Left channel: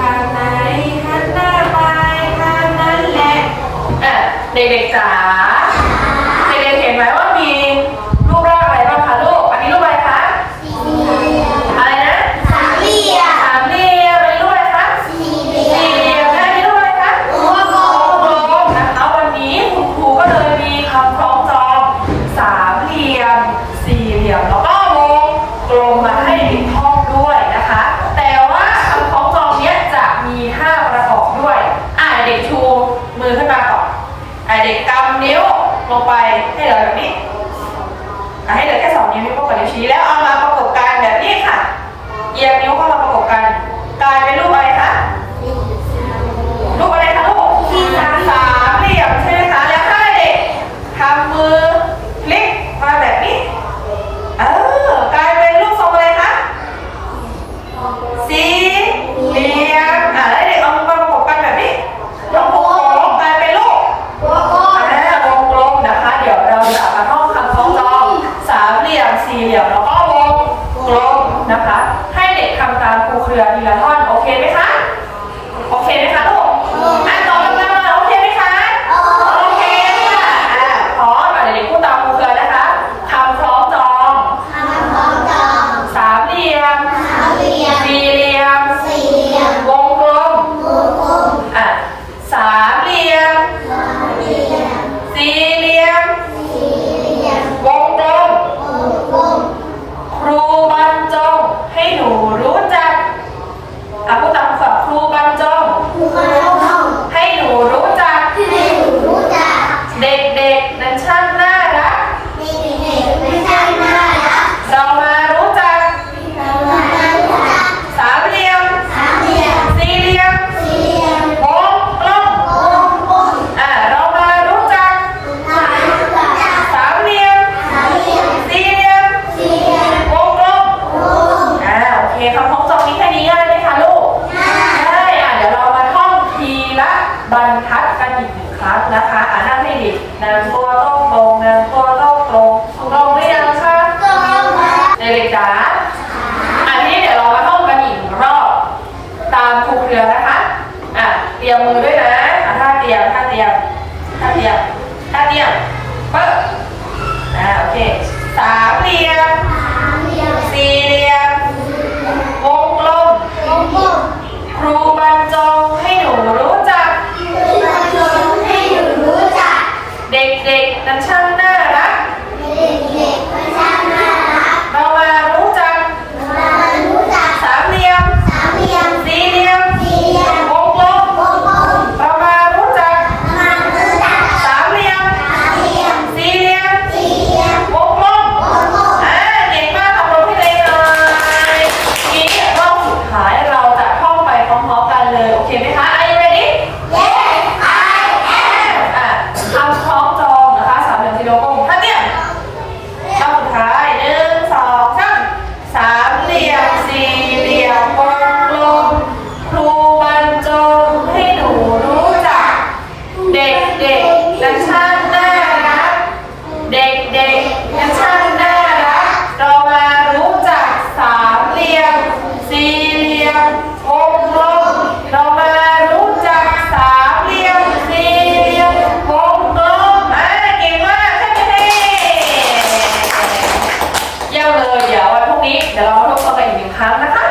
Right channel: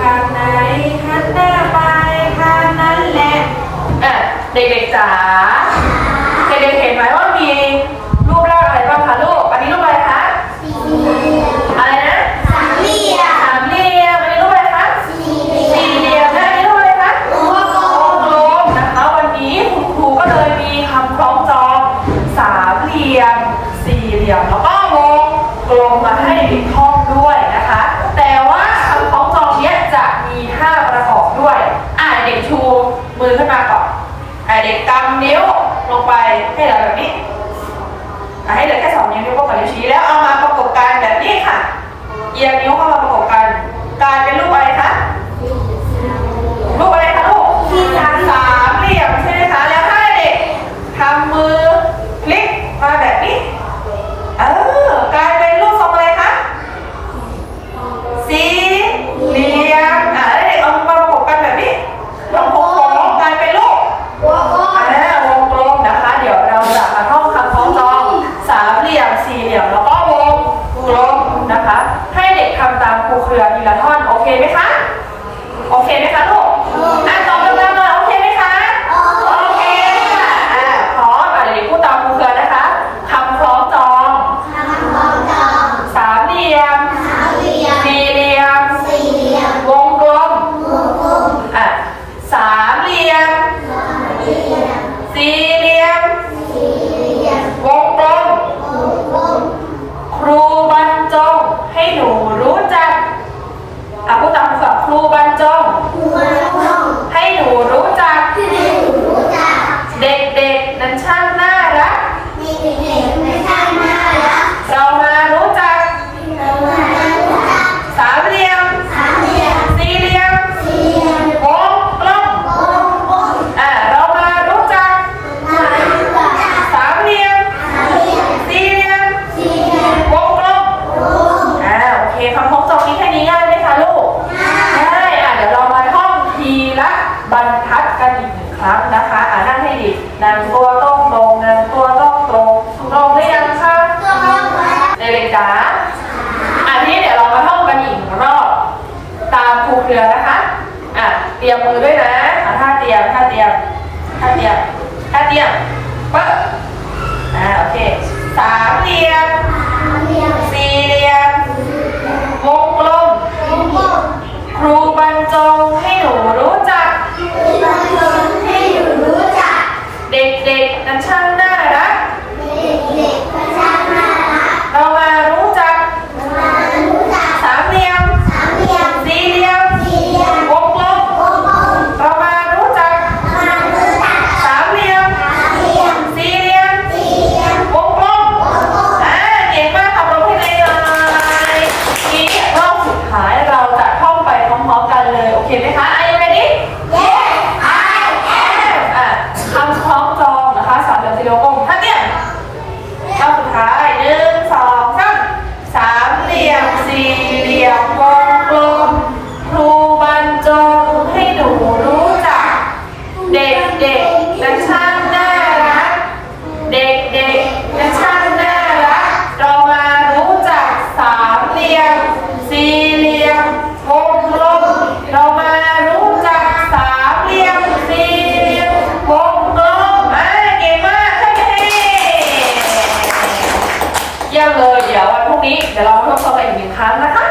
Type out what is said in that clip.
ทางไหนหันหน้าไปทางนั้นแหละอะเด็กๆจ๋าเด็กๆเห็นไหมว่ามีรูปร่างอะไรบ้างคะลูก อันนี้รูปอะไรคะสามเหลี่ยมอะไรนะสามเหลี่ยมสามเหลี่ยมอันนี้รูปอะไรคะสี่เหลี่ยมนะอันนี้รูปอะไรคะวงกลมนะคะวันนี้คุณครูก็เลยมีคำคล้องจองสามเหลี่ยม สี่เหลี่ยมแล้วก็วงกลมมาให้ท่องด้วยนะ ด้วย อ่าเด็กชูมือขึ้นมาก่อนอ่าเด็กกำนิ้วลงไปให้เราแบบนี้อ่าให้เหลือแค่สองนิ้วนิ้วโป้งกับนิ้วชี้แล้วเอามาประกบกันแบบนี้ค่ะเอียงนิ้วเข้ามาประกบกัน กลายเป็นรูปอะไรคะ รูปอะไรคะลูกสามเหลี่ยมใช่ไหมคะ แล้วให้เด็กทำมือพลิกมาแบบนี้ เออกลายเป็นรูปทรงอะไรคะ สี่เหลี่ยม อ่าแล้วเด็กเอามือมาประกบกันแบบนี้ทำโค้งๆกลายเป็นรูป อ่าวงกลมนะคะ เดี๋ยวเราจะมาท่องคำคล้องจองสามเหลี่ยมสี่เหลี่ยมแล้วก็วงกลมนะคะ ให้เด็กทำตามครูเครือทีละท่อนโอเคไหมคะ โอเคไหมคะลูกอะตอบกันมาโอเคไหมคะ โอเคค่ะอ่าพร้อมอะเดี๋ยวเด็กพูดตามครูเครือนะคะคำคล้องจองสามเหลี่ ยม สี่เหลี่ยม วงกลม อะ สามเหลี่ยม สี่เหลี่ยม วงกลม ครูบรรจงให้หนูรู้จัก อะพูดตามคำครูบรรจง ให้หนูรู้จัก เด็กๆนั้นช่างน่ารักเรา นำตัวต้องตรงนำตัวต้องตรงตรงหรือยังคะเด็กๆจ๋าอันนี้เดี๋ยวเรามาท่องกันอีกหนึ่งรอบตามครูเครือนะคะอะเตรียมมือด้วยนะอะท่าเตรียมท่าเตรียมท่าเตรียมท่าเตรียมปึ๊บอ่าโอเคสามเตรียมสี่เหลี่ยม วงกลม ครูบรรจงให้หนูรู้จัก เด็กๆนั้นช่างน่ารักเรามารู้จักสามเหลี่ยมสี่เหลี่ยมวงกลมเรามารู้จักสามเหลี่ยมสี่เหลี่ยมวงกลมอ่าเก่งมากค่ะปรบมือให้เลยทีนี้รอบสุดท้ายเราจะท่องไปพร้อมๆกันเลย โอเคไหมคะ Are you ready อ่ พรุ่งนี้เดี๋ยวเรามาทบทวนกันอีกหนึ่งครั้งนะคะ